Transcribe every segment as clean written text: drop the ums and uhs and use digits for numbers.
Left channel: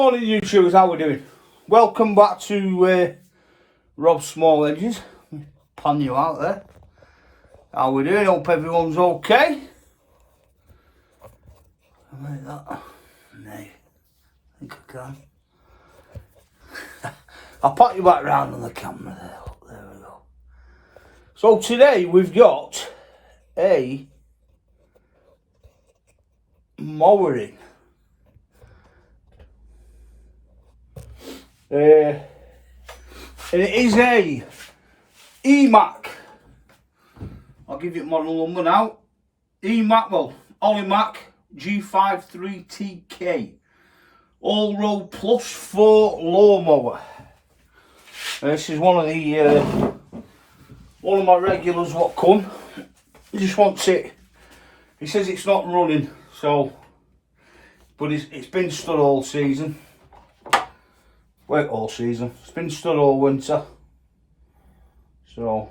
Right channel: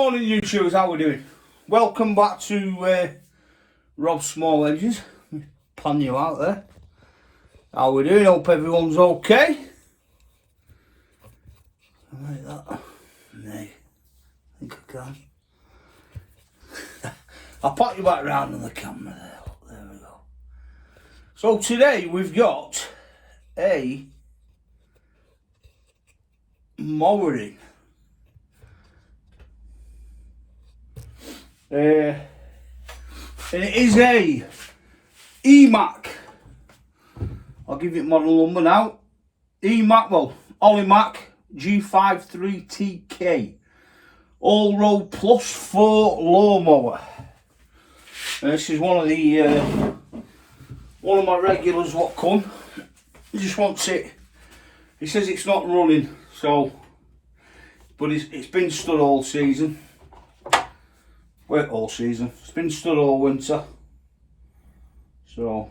Morning YouTubers, how we doing? Welcome back to Rob's Small Edges. Pan you out there. How we doing? Hope everyone's okay. Like that. Nay, I think I can. I'll pat you back round on the camera there. Look, there we go. So today we've got a mowering. And it is a EMAC. I'll give you model number now. EMAC, well, Allroad G53TK Allroad Plus 4 lawnmower. This is one of my regulars what come. He just wants it. He says it's not running, so, but it's been stood all season. Well, all season. It's been stood all winter. So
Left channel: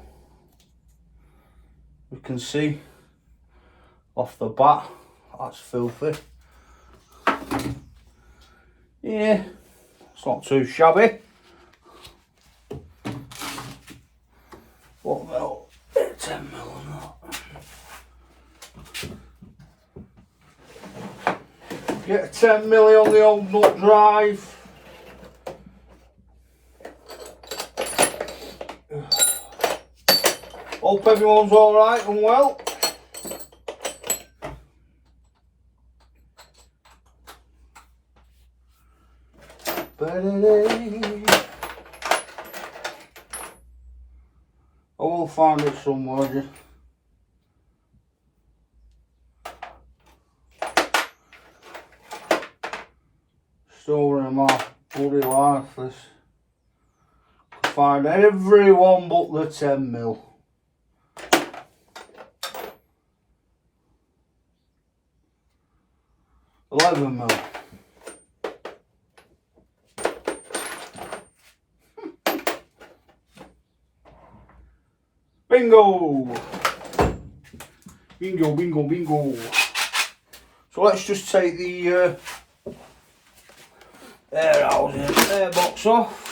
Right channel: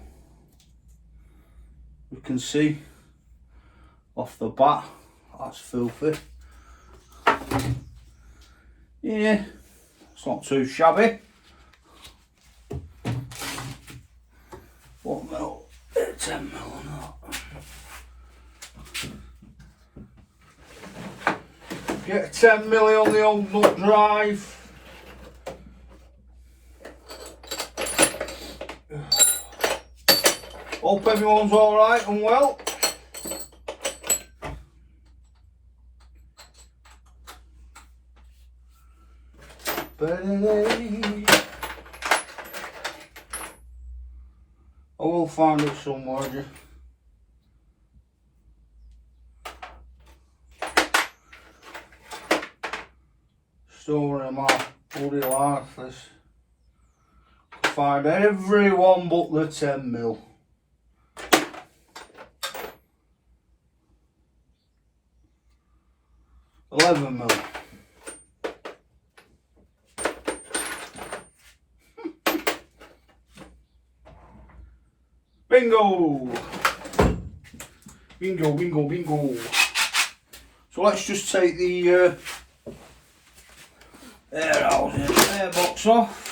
we can see off the bat that's filthy. Yeah, it's not too shabby. What mil? 10 mil on that. Get a 10 mil on the old nut drive. Hope everyone's alright and well. I will find it somewhere. Just. Storing them off, bloody lifeless. Find everyone but the 10 mil. $11 mil. Bingo! Bingo, bingo, bingo. So let's just take the air box off.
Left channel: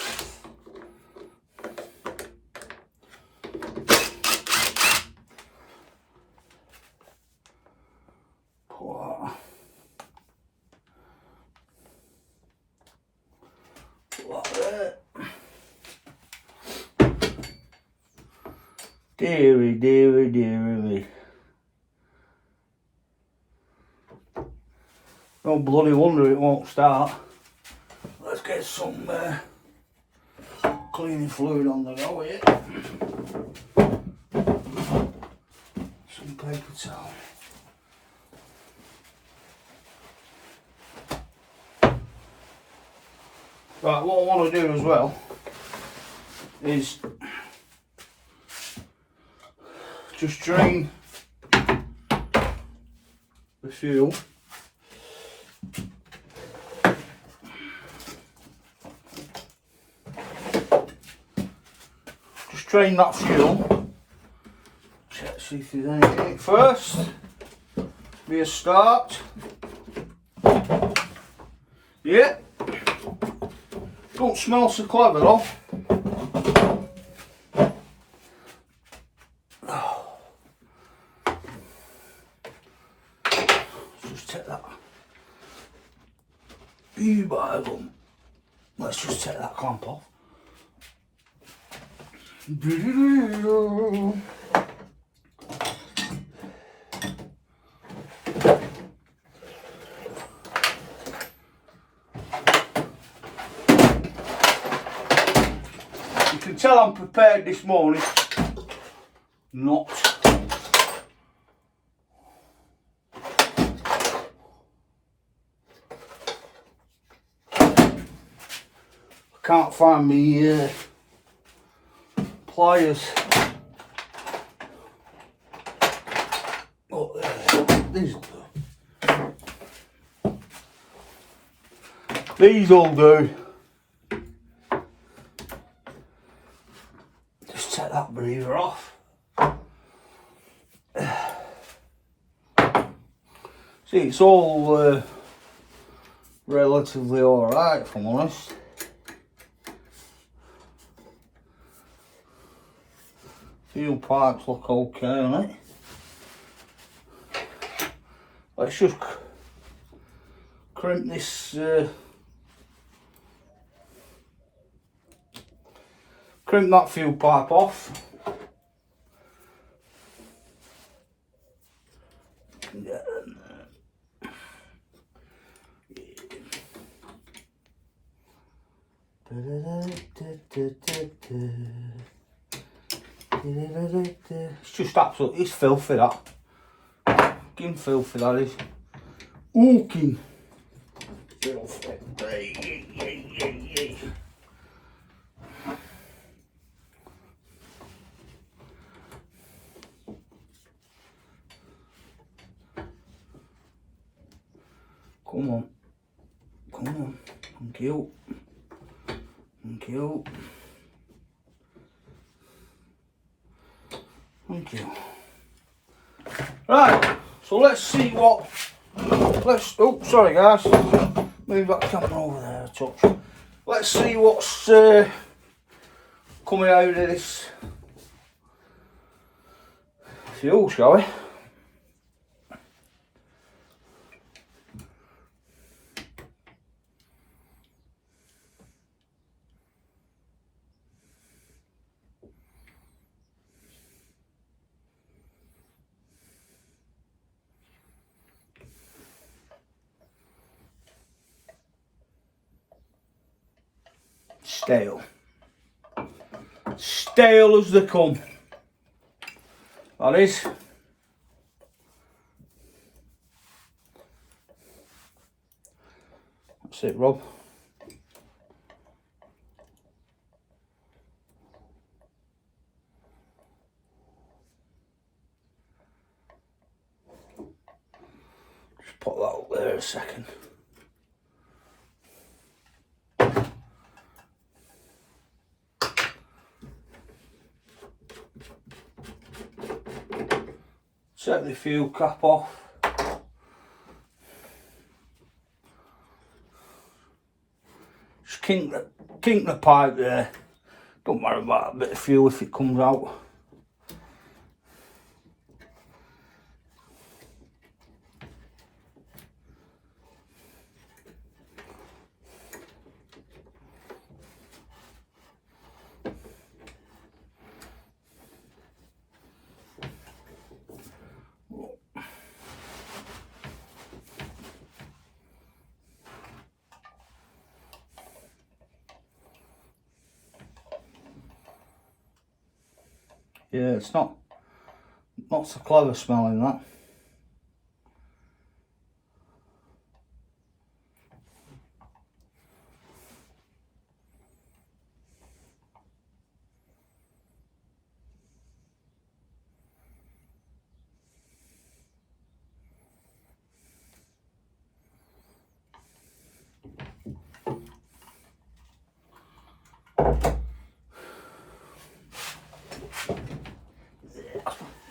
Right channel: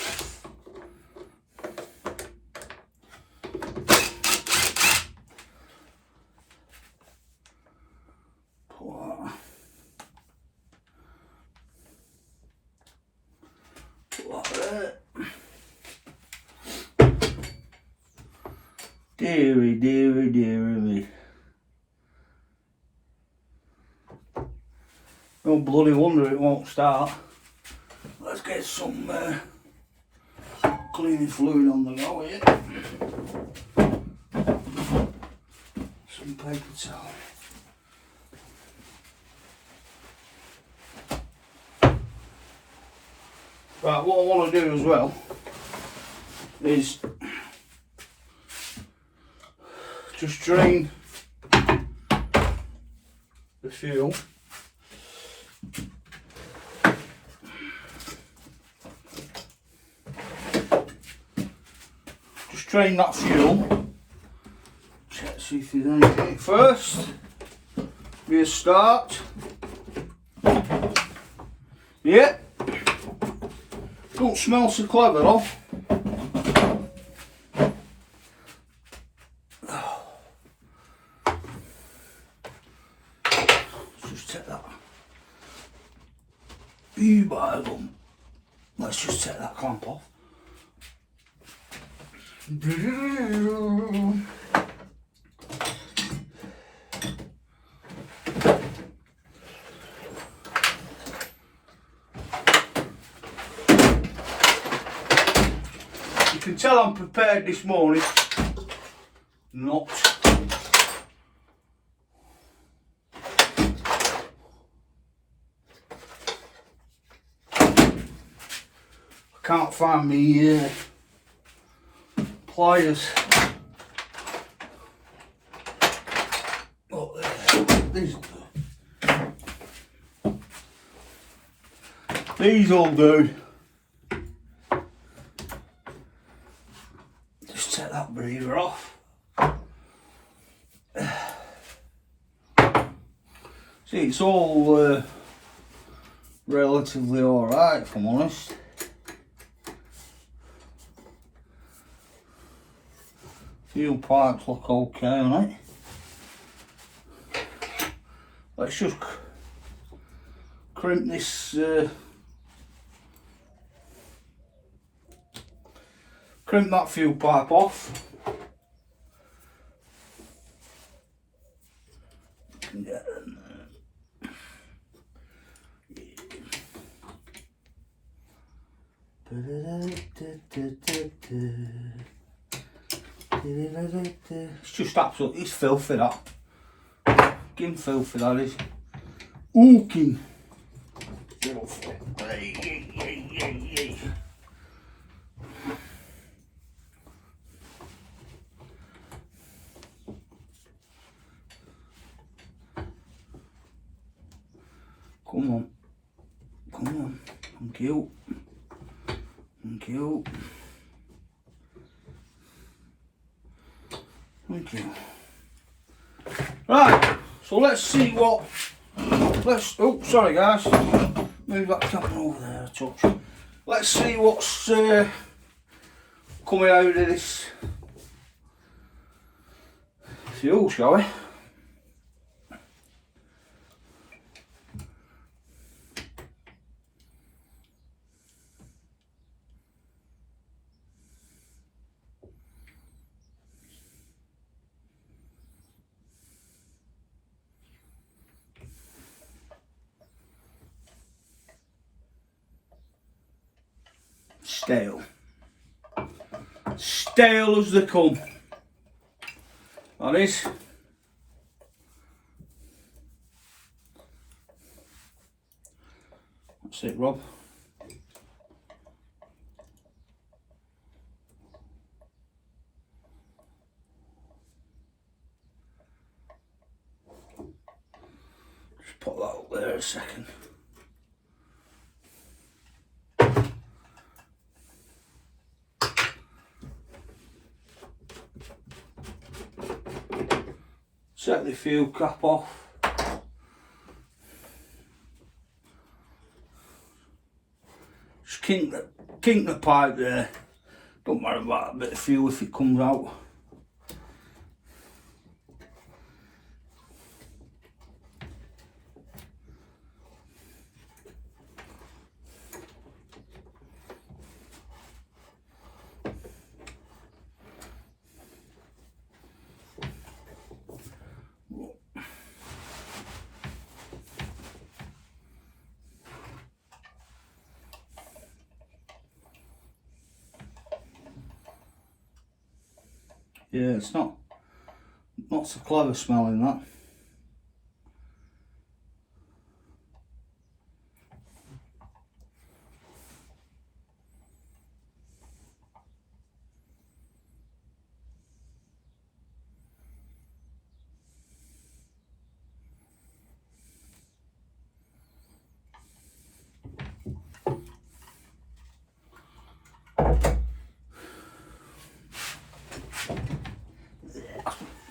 Deary, deary, deary me. No bloody wonder it won't start. Let's get some cleaning fluid on the go here. Some paper towel. Right, what I want to do as well is just drain the fuel. Just drain that fuel. Check, see if there's anything first. Restart. Yeah. Don't smell so clever though. Let's just take that clamp off. You can tell I'm prepared this morning. Not. Can't find me pliers. Oh, these will do. These all do. Just take that breather off. See, it's all relatively alright, if I'm honest. Fuel pipes look okay on it. Let's just crimp this crimp that fuel pipe off. It's just absolutely, it's filthy that. Fucking filthy that is. Ooking filthy. Come on. Come on. Thank you. Thank you. Thank you. Right, so let's see what, oh sorry guys, move that camera over there a touch. Let's see what's coming out of this fuel, shall we? Stale. Stale as they come. That is. That's it, Rob. Just put that up there a second. Set the fuel cap off. Just kink the pipe there. Don't worry about a bit of fuel if it comes out. Yeah, it's not so clever smelling that.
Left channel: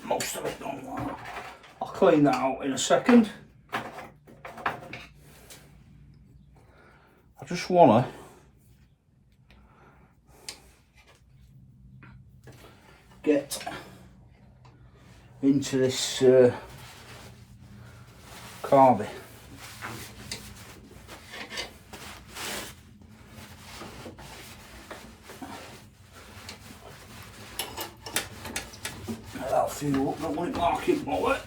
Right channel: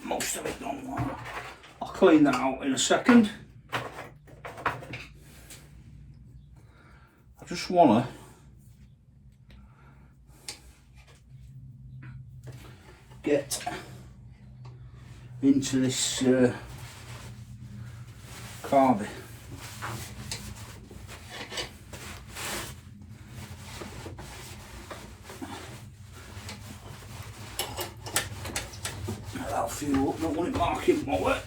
Most of it don't work. I'll clean that out in a second. I just want to get into this carby. That'll fuel up, don't want it marking mower.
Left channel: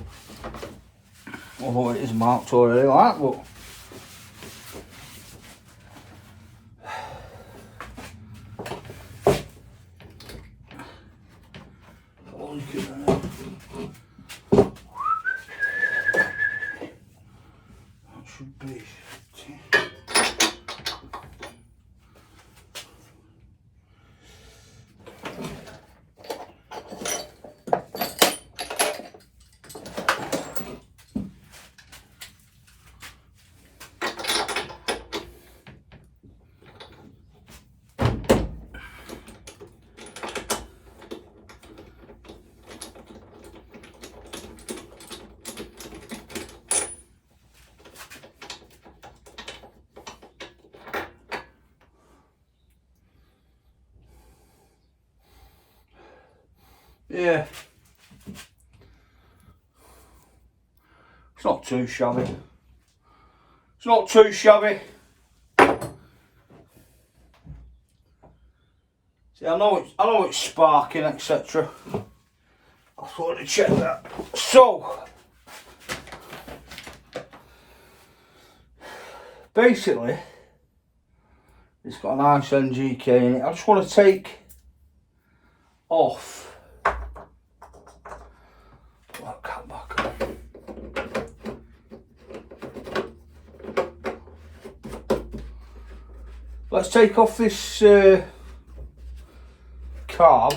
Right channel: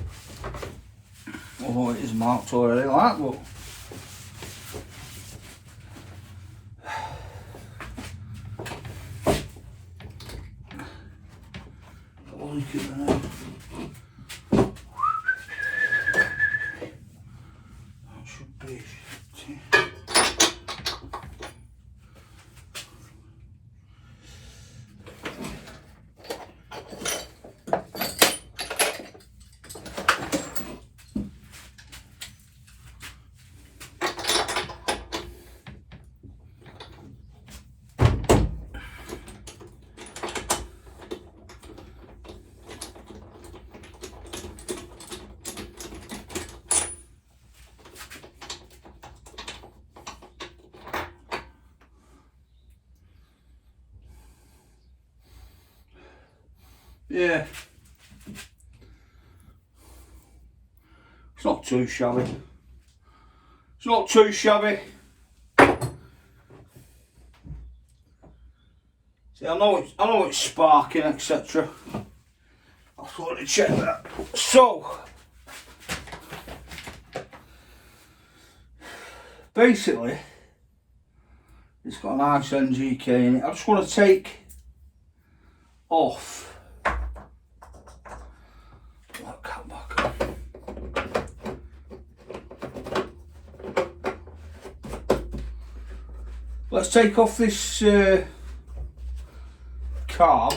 Although it is marked already like that, but Yeah. It's not too shabby. It's not too shabby. See, I know it's sparking, etc. I thought I'd check that. So basically, it's got a nice NGK in it. I just want to take off that cap back on. Let's take off this carb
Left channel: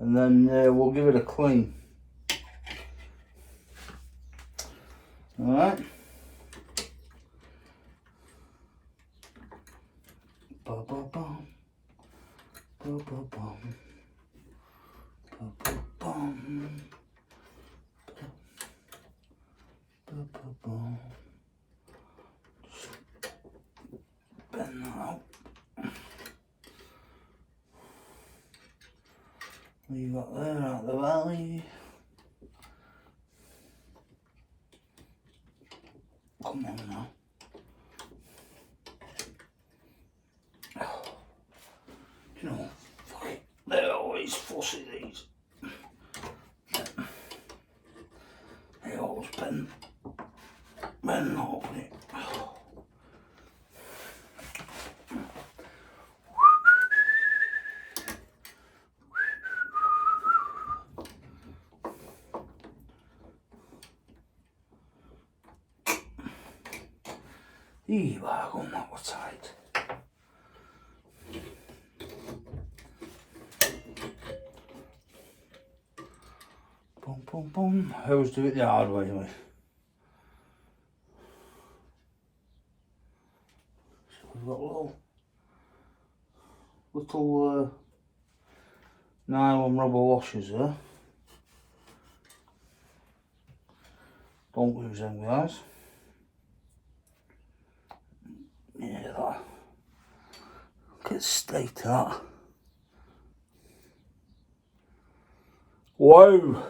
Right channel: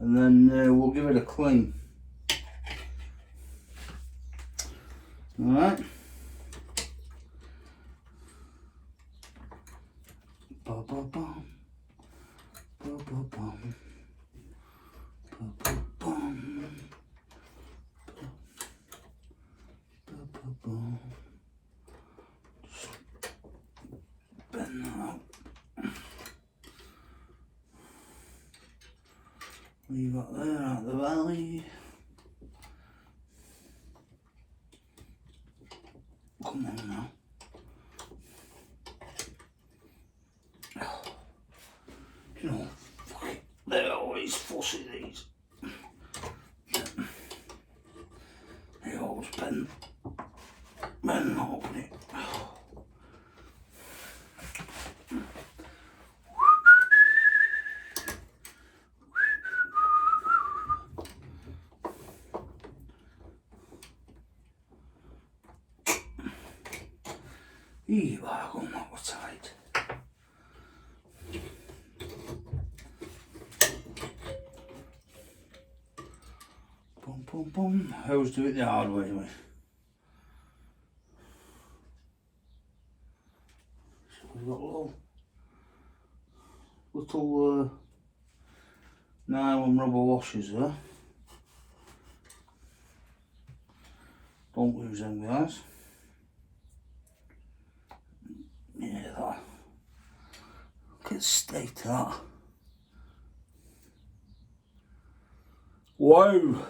and then we'll give it a clean. Alright. Bend that out. What you got there out the valley? Come on now. You know, fuck it. They're always fussy, these. They always bend and open it. Here we are, going that was tight. Boom, boom, boom. I always do it the hard way, mate. So we've got little nylon rubber washers there. Don't lose them, guys. Yeah, that. Look at the state of that. Wow.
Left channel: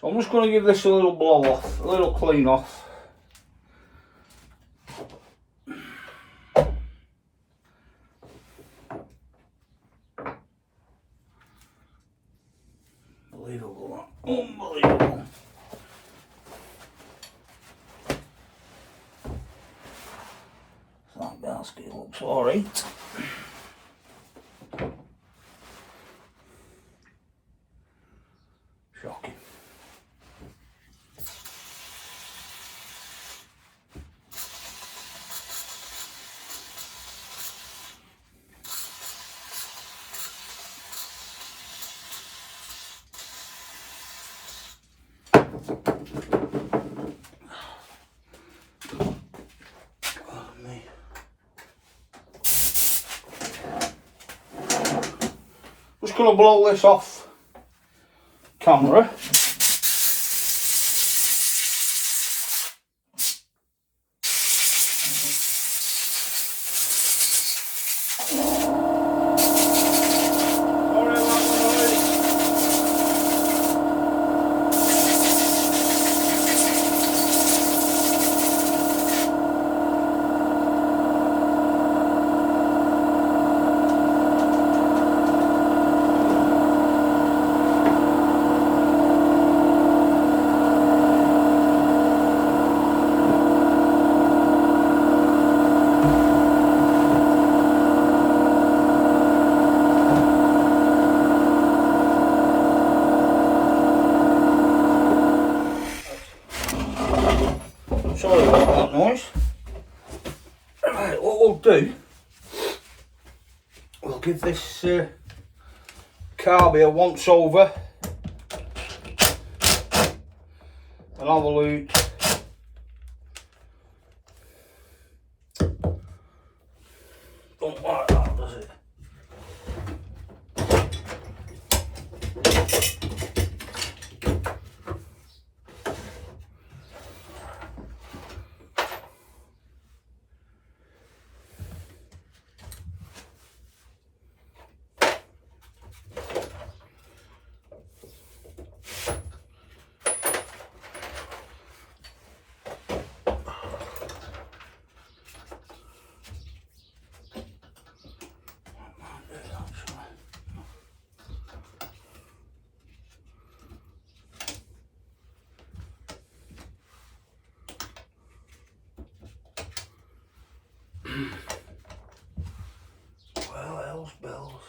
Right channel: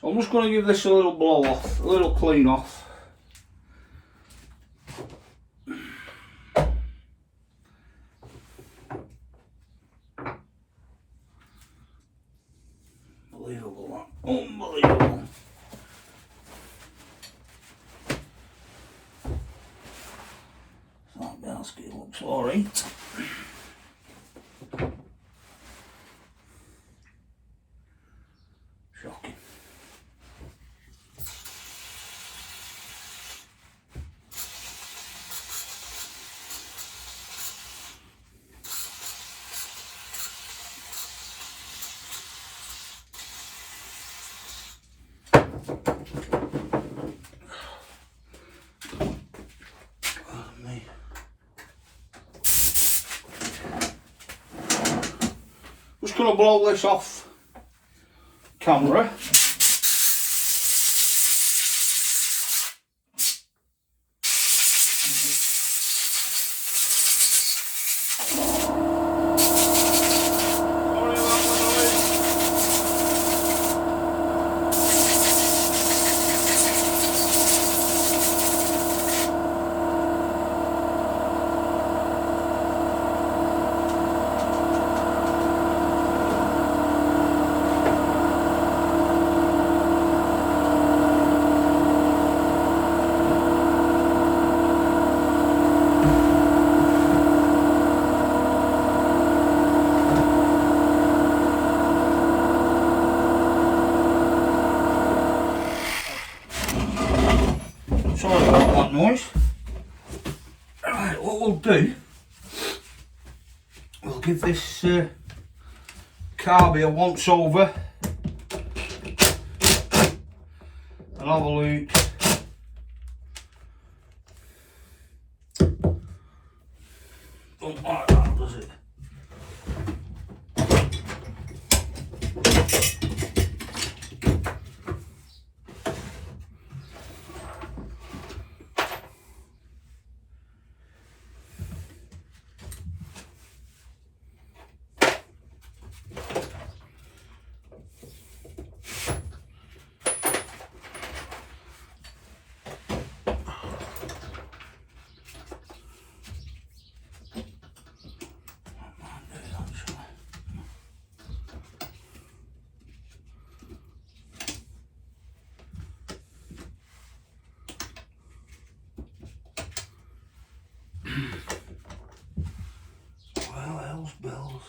So I'm just going to give this a little blow off, a little clean off. Unbelievable. Unbelievable. So that basket looks alright. Shocking. Just going to blow this off camera. Sorry about that noise. Right, what we'll do, we'll give this carby a once over and have a look. Don't like that, does it? Well, hell's bells.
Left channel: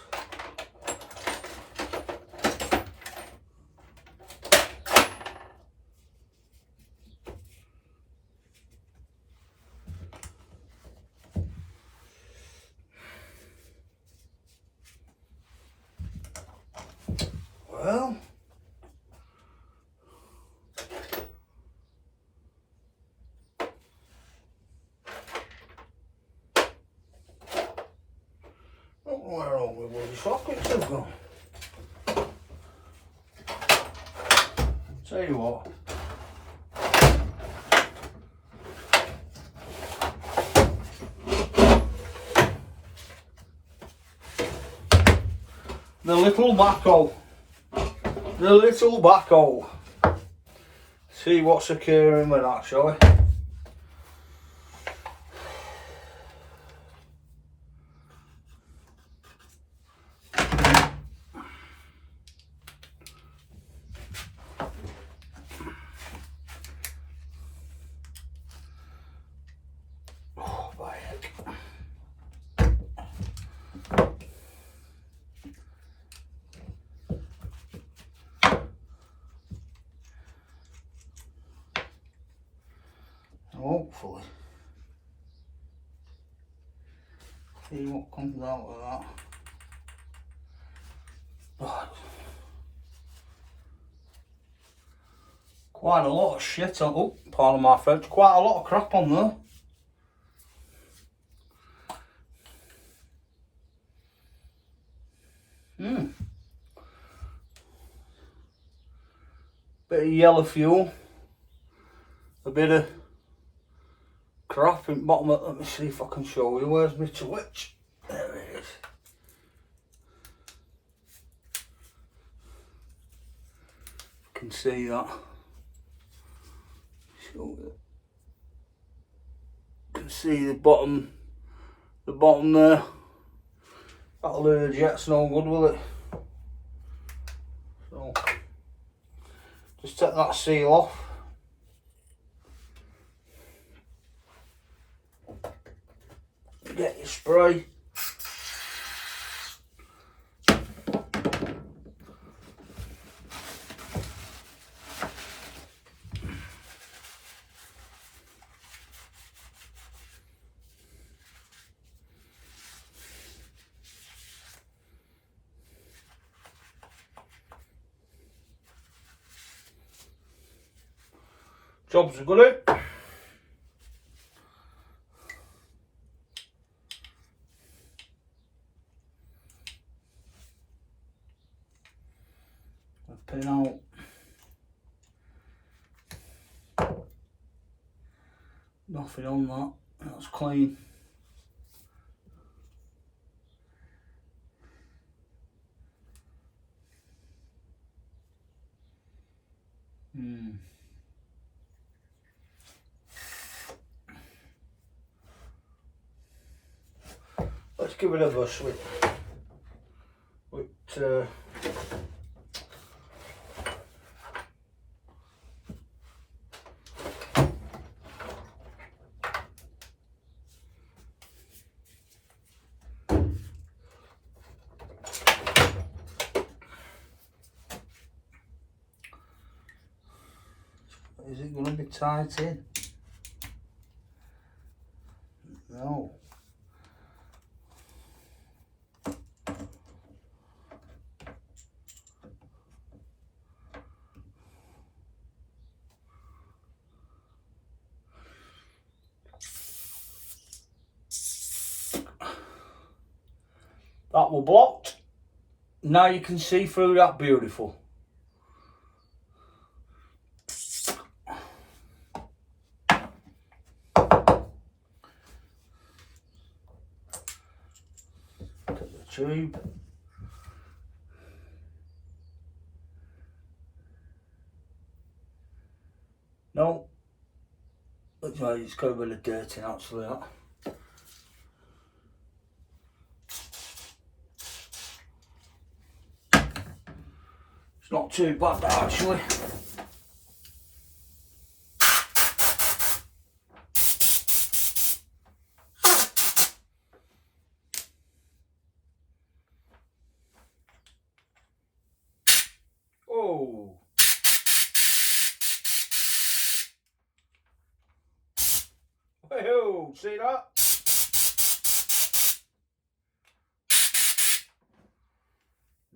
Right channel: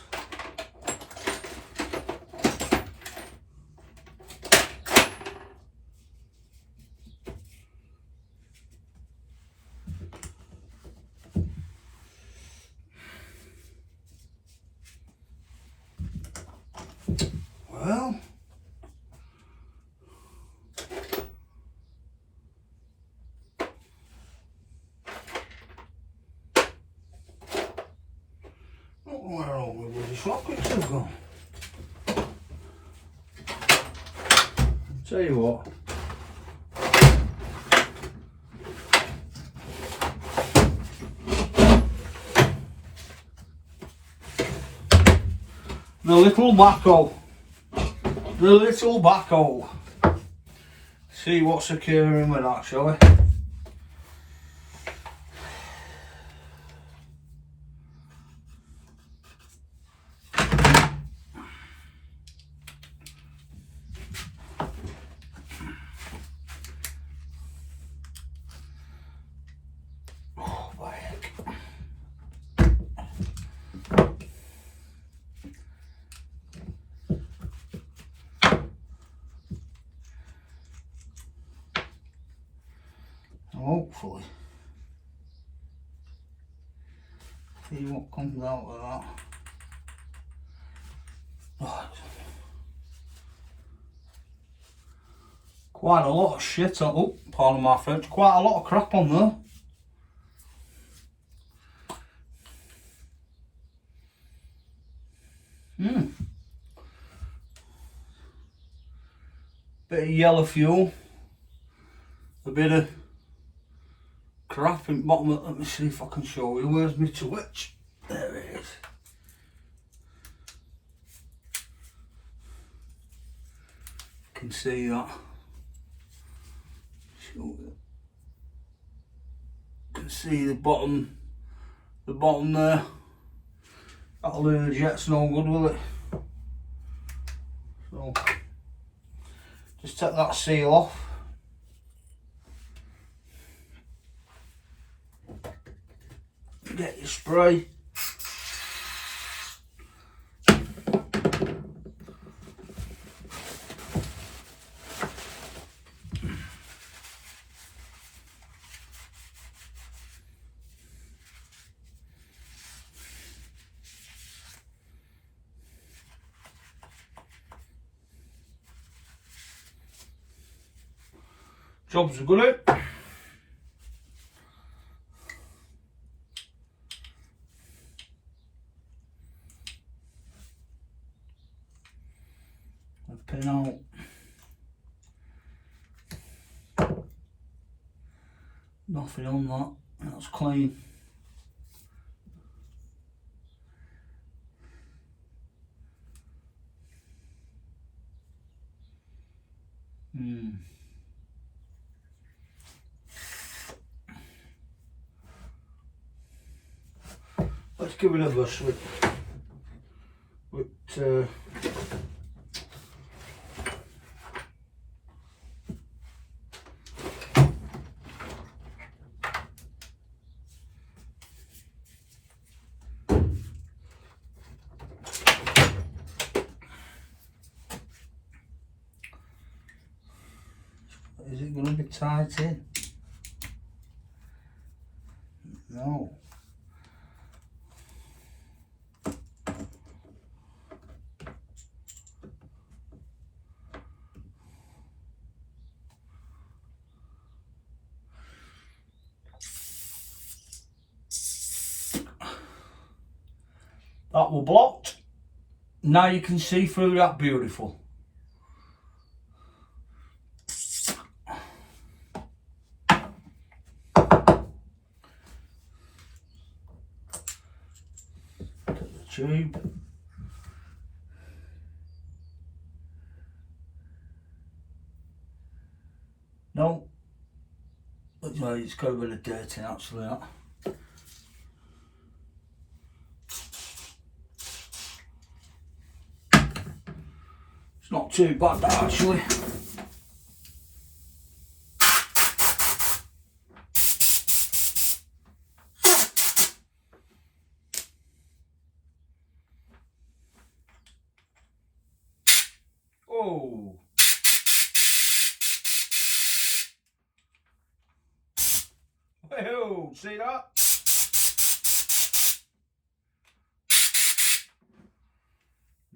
Well, where all the bloody sockets have gone. Tell you what. The little backhoe. The little backhoe. See what's occurring with that, shall we? Oh, by heck. Hopefully, see what comes out of that. But quite a lot of shit on. Oh, pardon my French. Quite a lot of crap on there. Bit of yellow fuel. A bit of crap in the bottom of, let me see if I can show you, where's my switch? There it is. You can see that. You can see the bottom there. That'll do the jet's no good, will it? So, just take that seal off. Get your spray. Job's good. Pin out. Nothing on that. That's clean. Let's give it a brush with Is it going to be tight in? No. That will blocked. Now you can see through that beautiful. Tube. No, looks like it's got a bit of dirt in actually that. It's not too bad that actually. Whoa. Whoa, see that?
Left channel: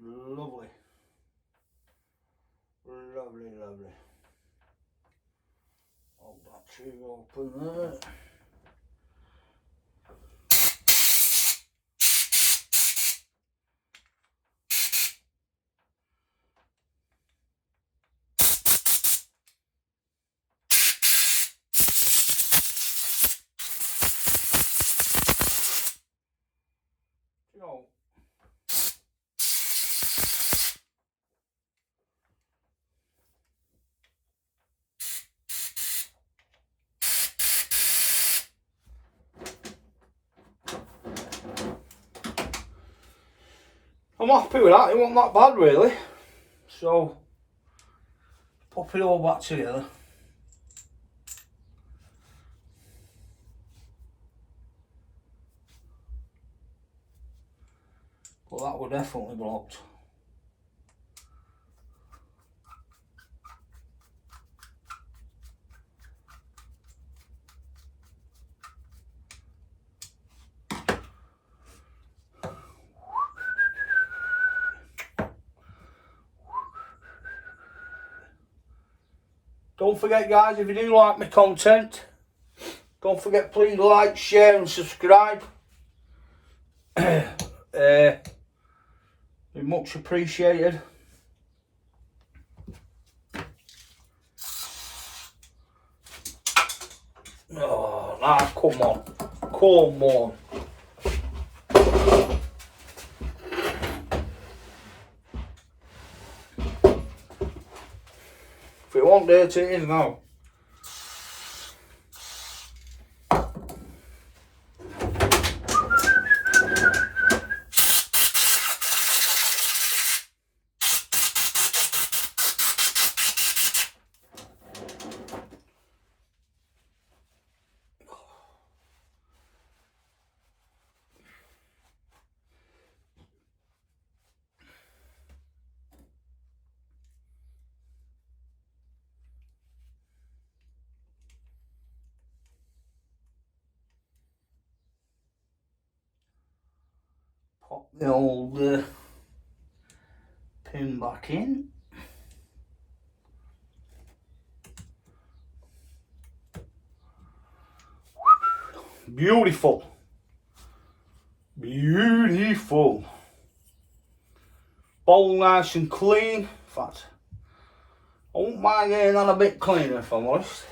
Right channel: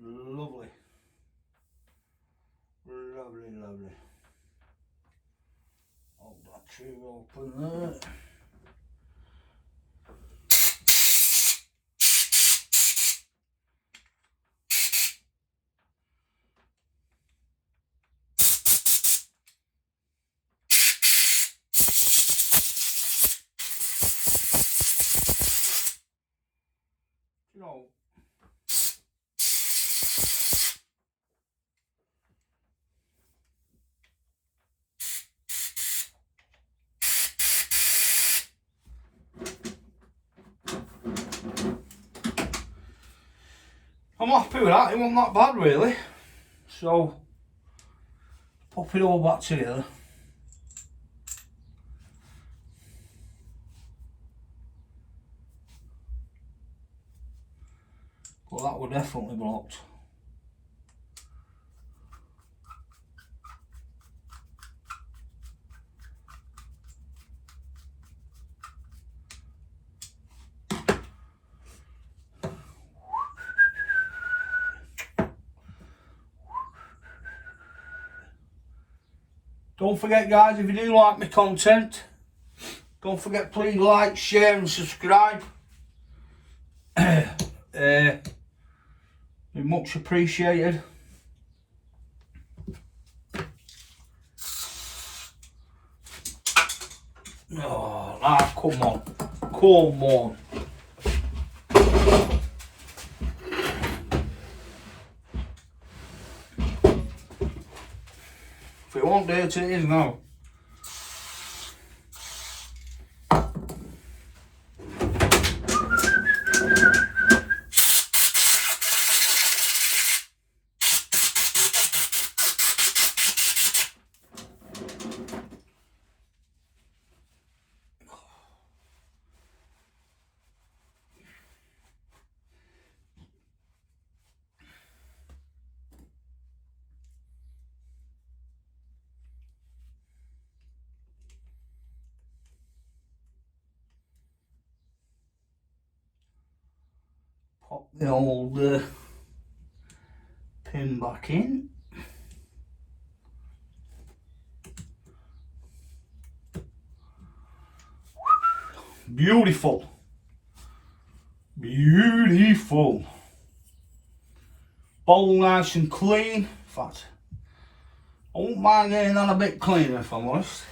Lovely. Lovely, lovely. Hold that tree open there. You know, I'm happy with that. It wasn't that bad really. So pop it all back together. But that was definitely blocked. Don't forget guys, if you do like my content, don't forget please like, share and subscribe. Be much appreciated. Oh, nah, come on. Come on. If it won't dirty, it is now. Pop the old pin back in. Beautiful. Beautiful. Bowl nice and clean. In fact, I wouldn't mind getting that a bit cleaner if I'm honest.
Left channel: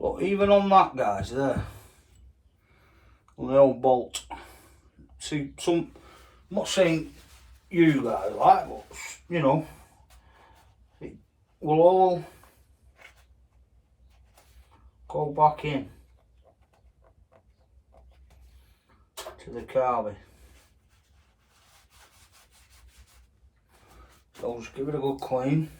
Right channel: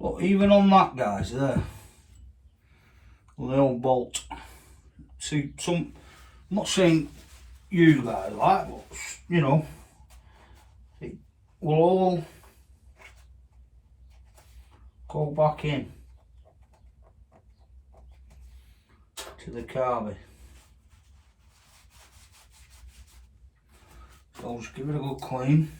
But even on that guys there, the old bolt. See some, I'm not saying you guys like, but you know, it will all go back in to the carby. So just give it a good clean.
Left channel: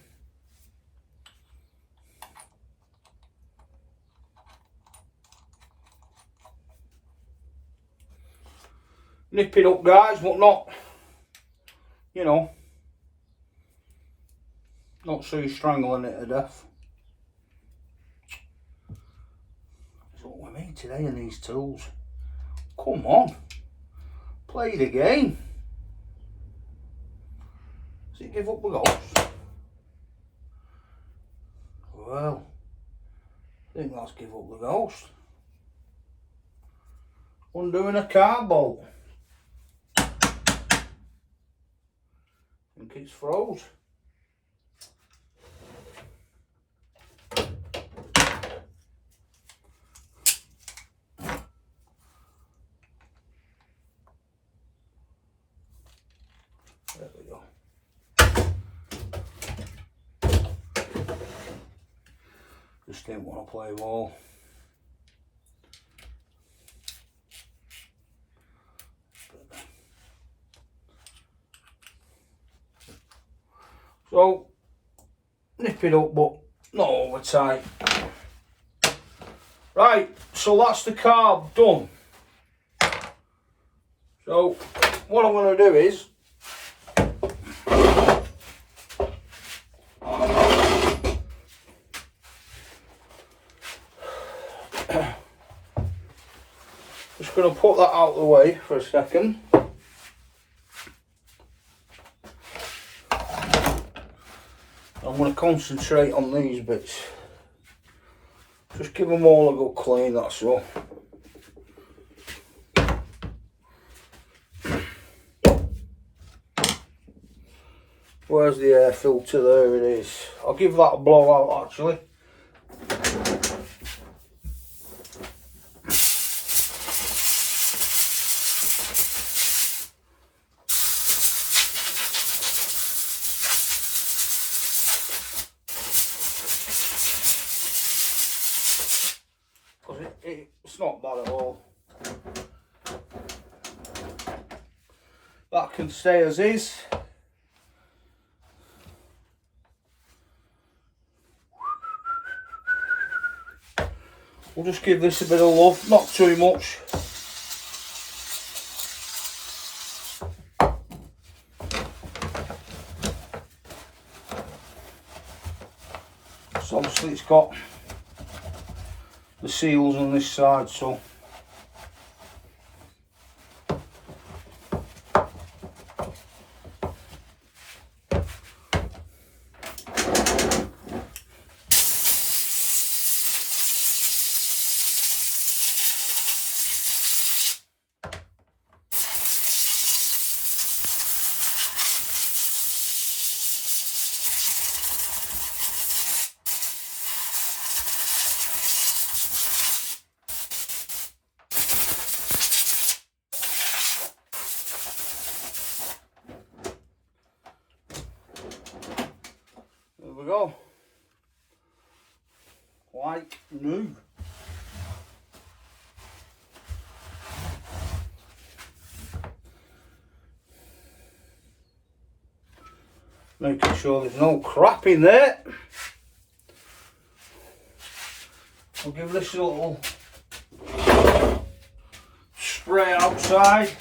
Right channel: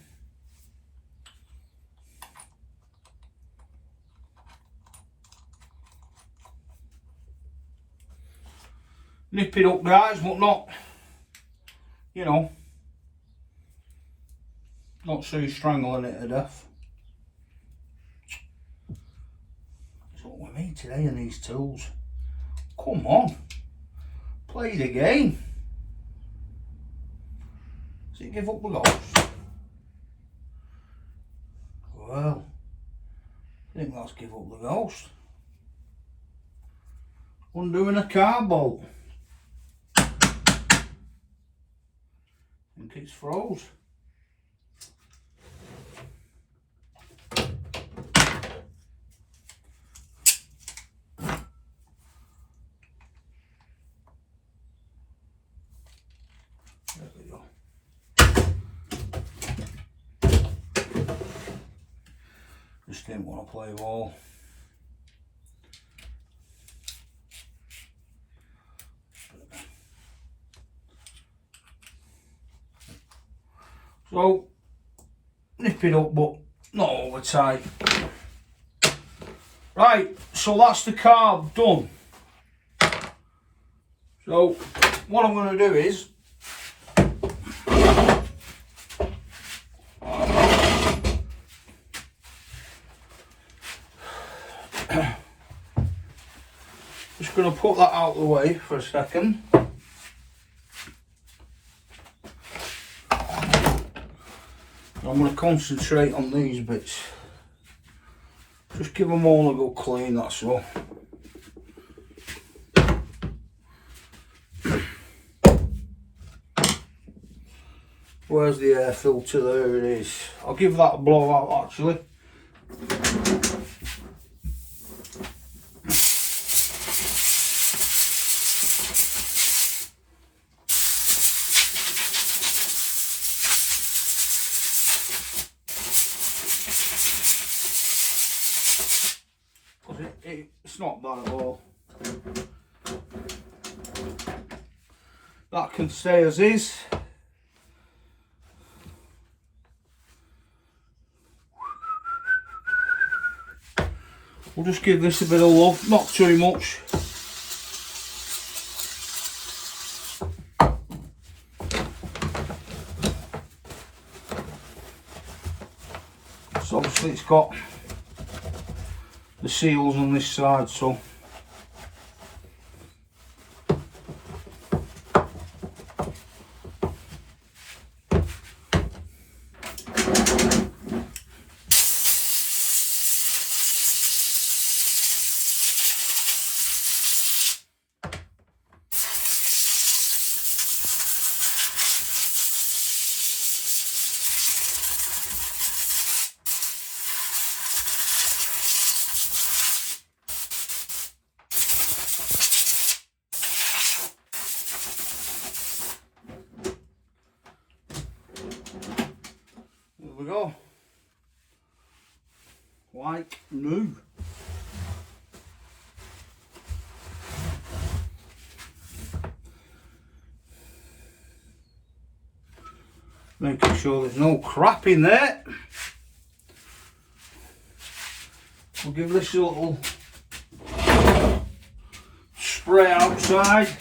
Nip it up guys, but not, you know, not so you're strangling it to death. That's what we need today in these tools. Come on, play the game. Does it give up the ghost? Well, I think that's give up the ghost. Undoing a car bolt. I think it's froze. Just didn't want to play ball. So, nip it up, but not over tight. Right, so that's the carb done. So, what I'm going to do is just going to put that out of the way for a second. I'm going to concentrate on these bits. Just give them all a good clean, that's all. Where's the air filter? There it is. I'll give that a blow out actually. It's not bad at all. That can stay as is. We'll just give this a bit of love, not too much. So obviously it's got the seals on this side, so there we go. Like new. Making sure there's no crap in there. I'll give this a little spray outside.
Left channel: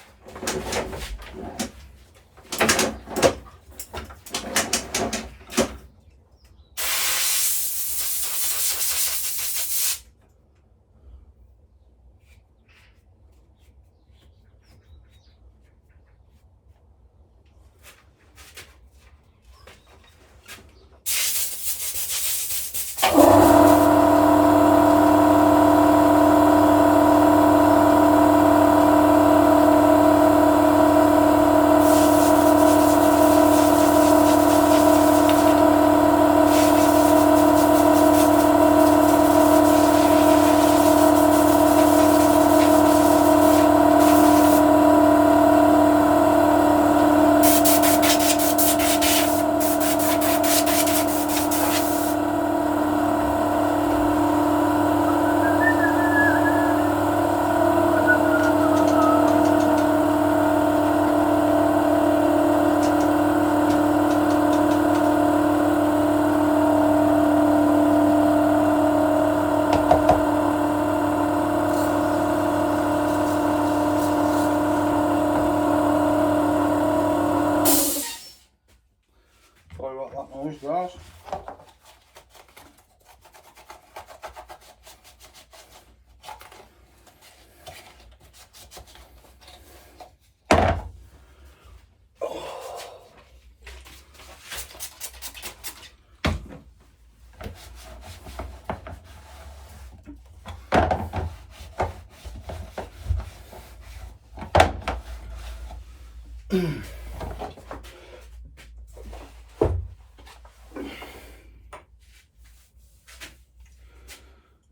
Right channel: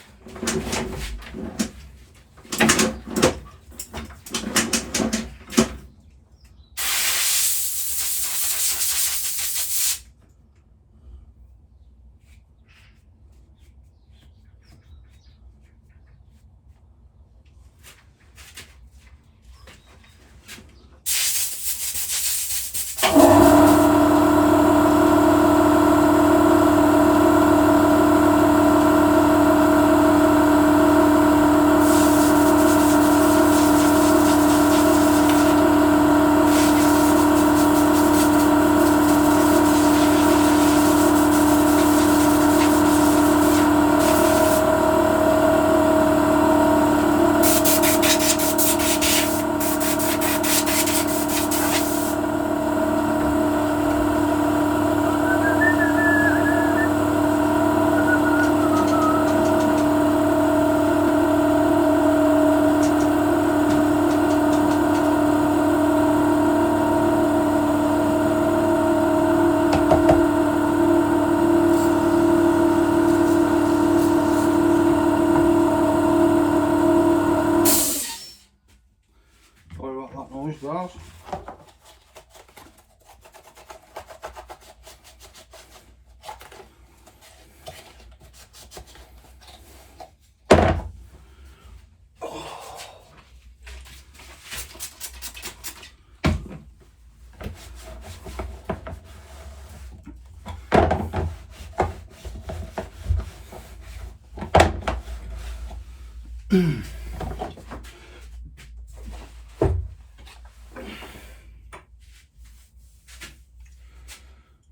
Sorry about that noise, guys.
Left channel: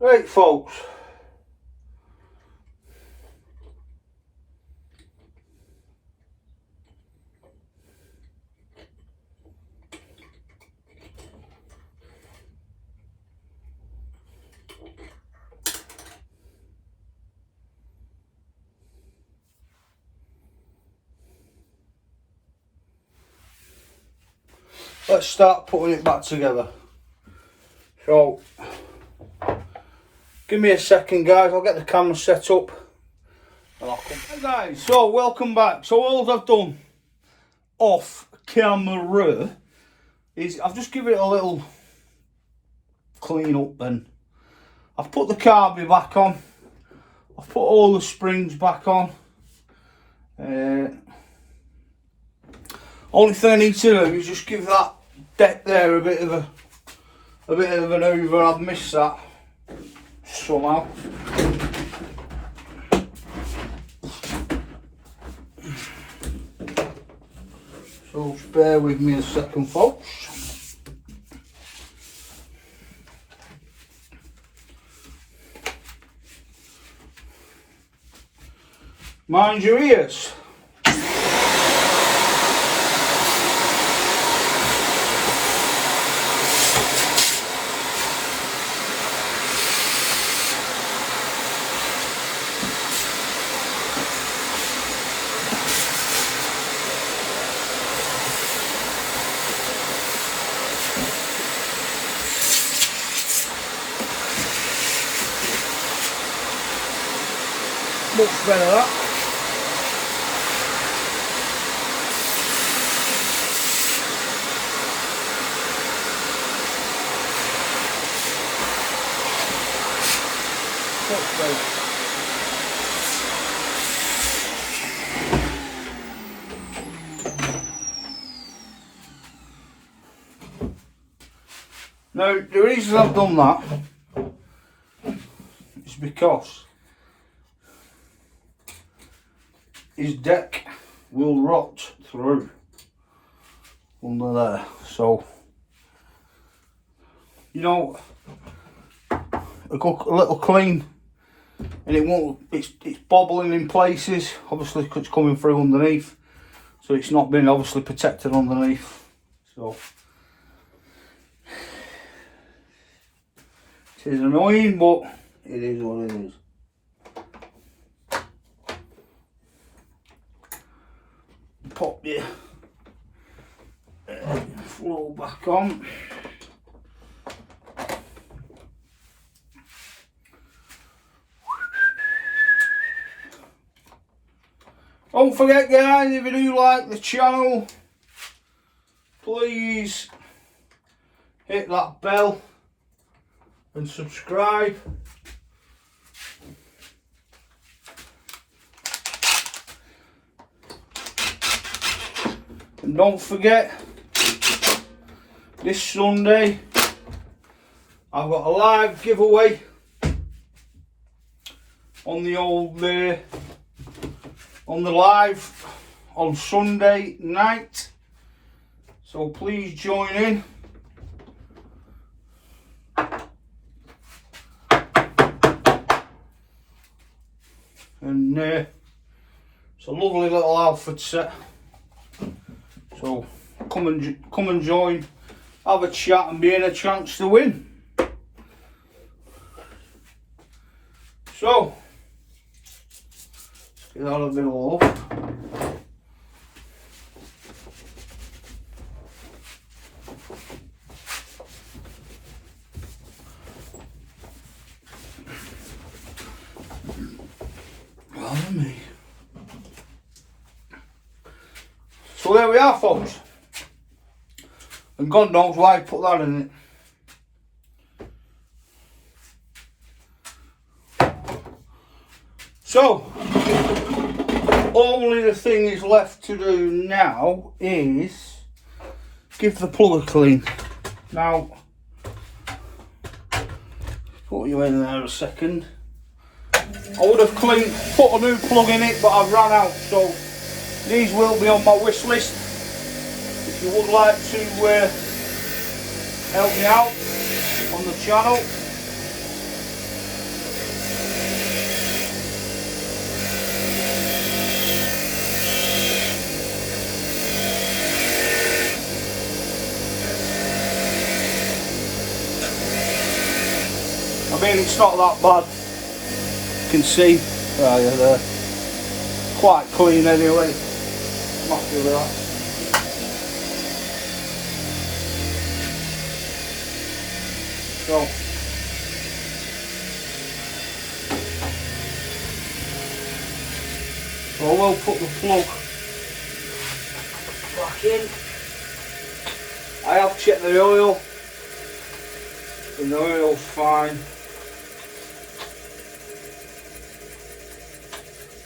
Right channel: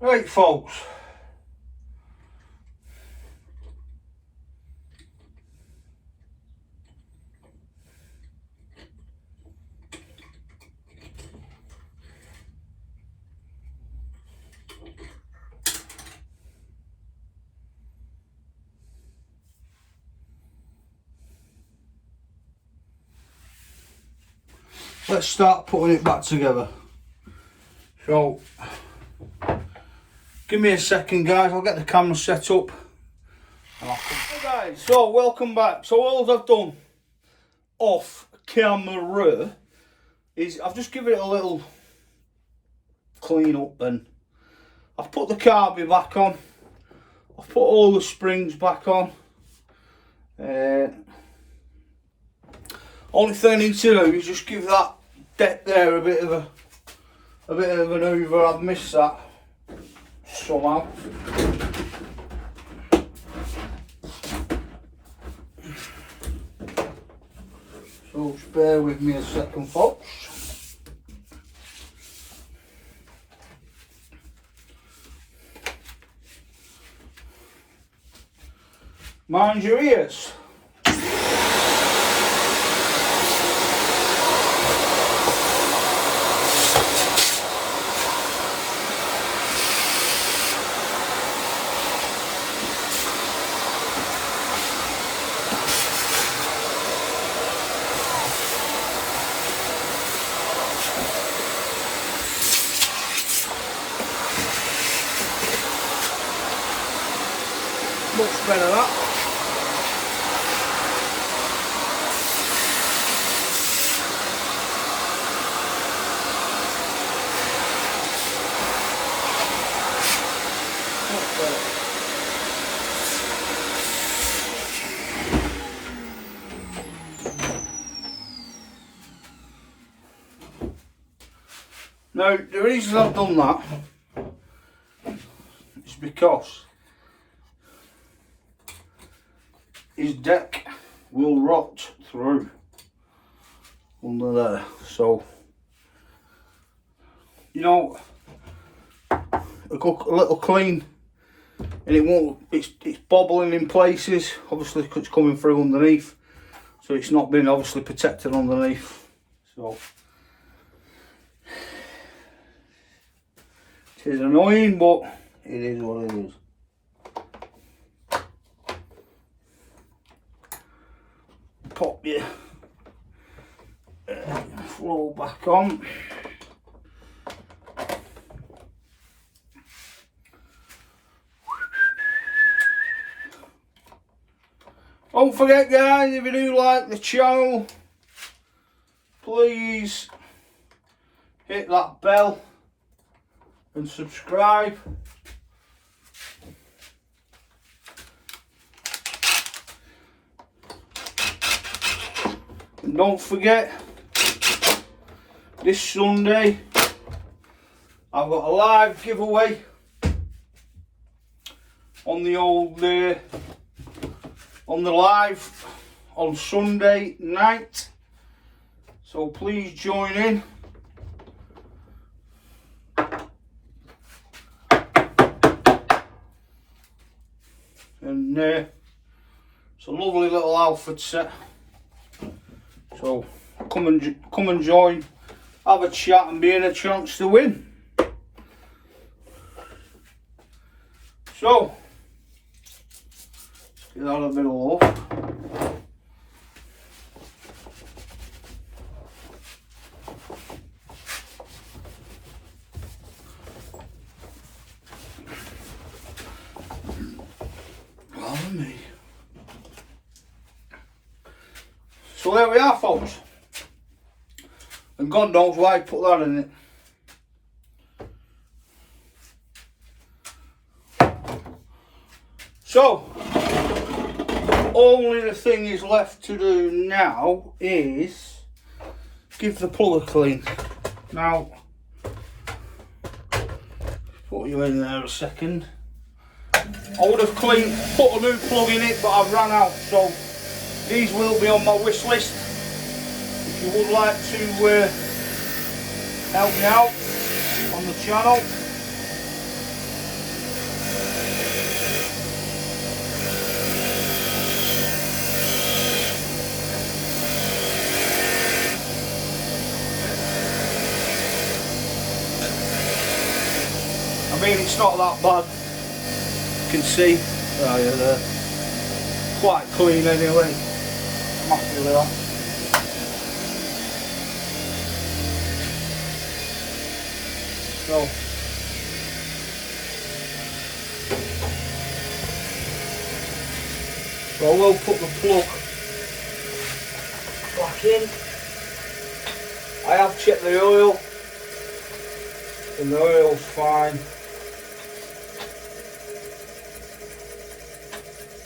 Right, folks. let's start putting it back together. So give me a second, guys, I'll get the camera set up. Hey guys, so welcome back. So all I've done off camera is I've just given it a little clean up, and I've put the carby back on, I've put all the springs back on. Only thing I need to do is just give that deck there a bit of an over. I've missed that somehow. So just bear with me a second, folks. Mind your ears. Much better that. Much better. Now the reason I've done that is because his deck will rot through under there, so you know, a little clean and it won't, it's bobbling in places, obviously because it's coming through underneath, so it's not been obviously protected underneath. So it is annoying, but it is what it is. Pop your flow back on. Don't forget, guys, if you do like the channel, please hit that bell and subscribe. And don't forget, this Sunday I've got a live giveaway on the old on the live on Sunday night, so please join in. And it's a lovely little outfit set. So come and join, have a chat and be in a chance to win. So let's get that a bit off. Me. So there we are, folks, and God knows why I put that in it. So only the thing is left to do now is give the plug a clean. Now put you in there a second. I would have put a new plug in it, but I've run out, so these will be on my wish list. If you would like to help me out on the channel, I mean, it's not that bad. You can see they're quite clean anyway. Immaculate. So I will put the plug back in. I have checked the oil and the oil's fine.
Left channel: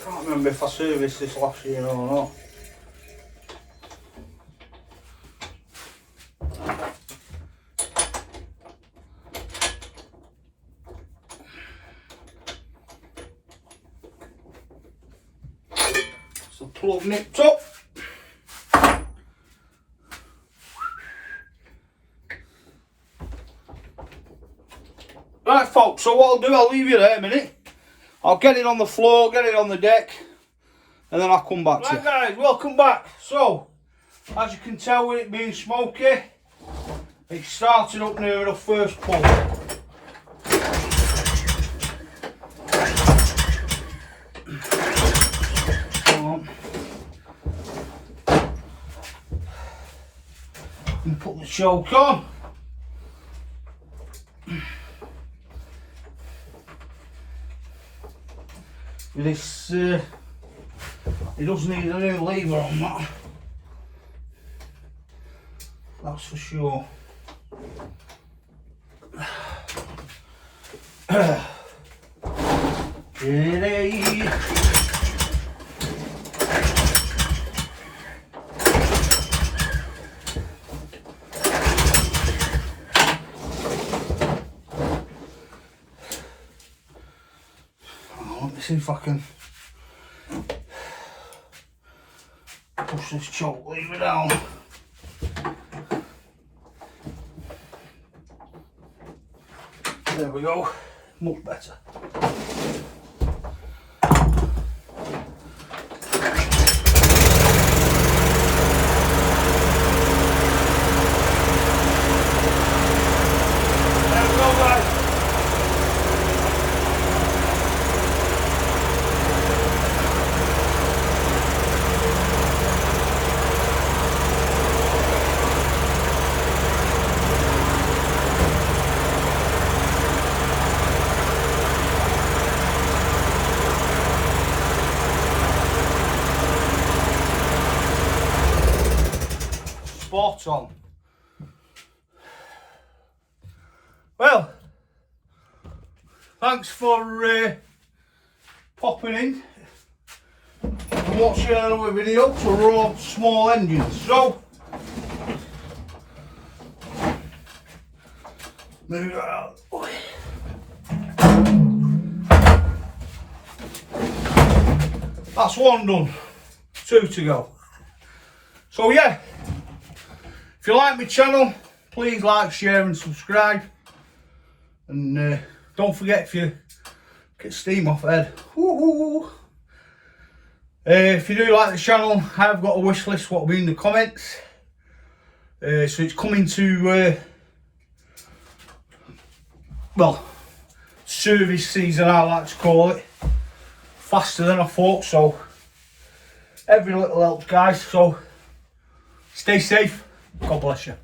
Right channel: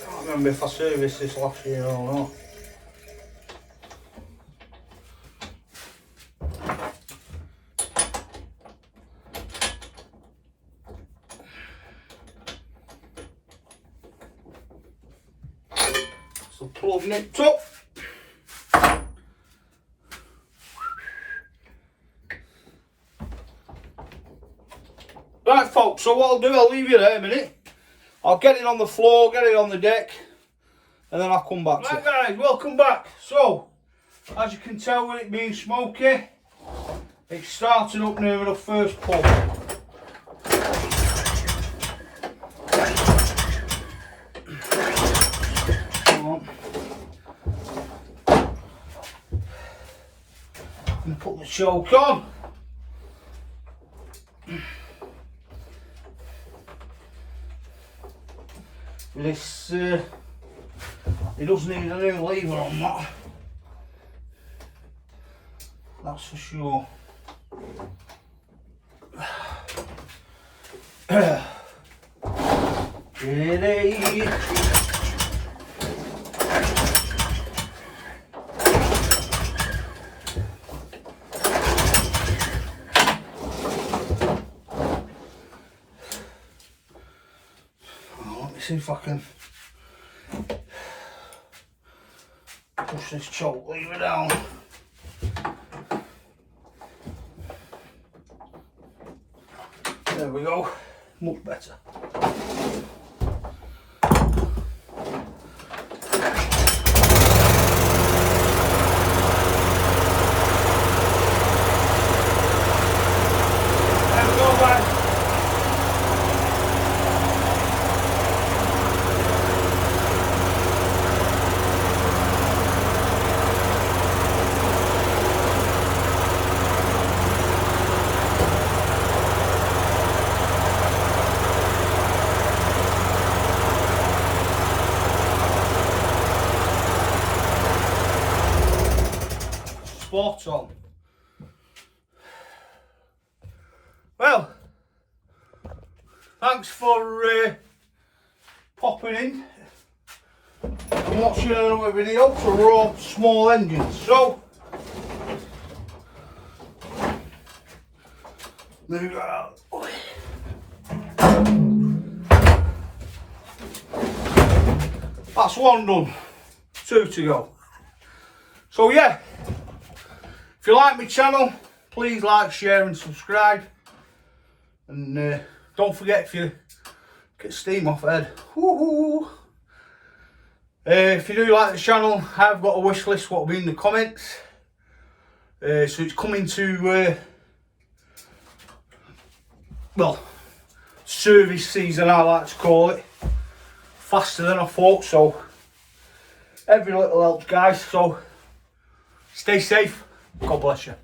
Can't remember if I serviced this last year or not. So plug nipped up. Right folks, so what I'll do, I'll leave you there a minute. I'll get it on the floor, get it on the deck, and then I'll come back to you. Right guys, welcome back. So, as you can tell with it being smoky, it's starting up near the first pull. And put the choke on. This, it does need a new lever on that, that's for sure. See if I can push this choke lever down. There we go, much better. Spot on. Well, thanks for popping in, watching another video to run small engines. So, move it out. That's one done, 2 to go. So yeah. If you like my channel, please like, share and subscribe. And don't forget, if you get steam off head. If you do like the channel, I've got a wish list what will be in the comments. So it's coming to, well, service season I like to call it. Faster than I thought, so every little helps guys. So stay safe. God bless you.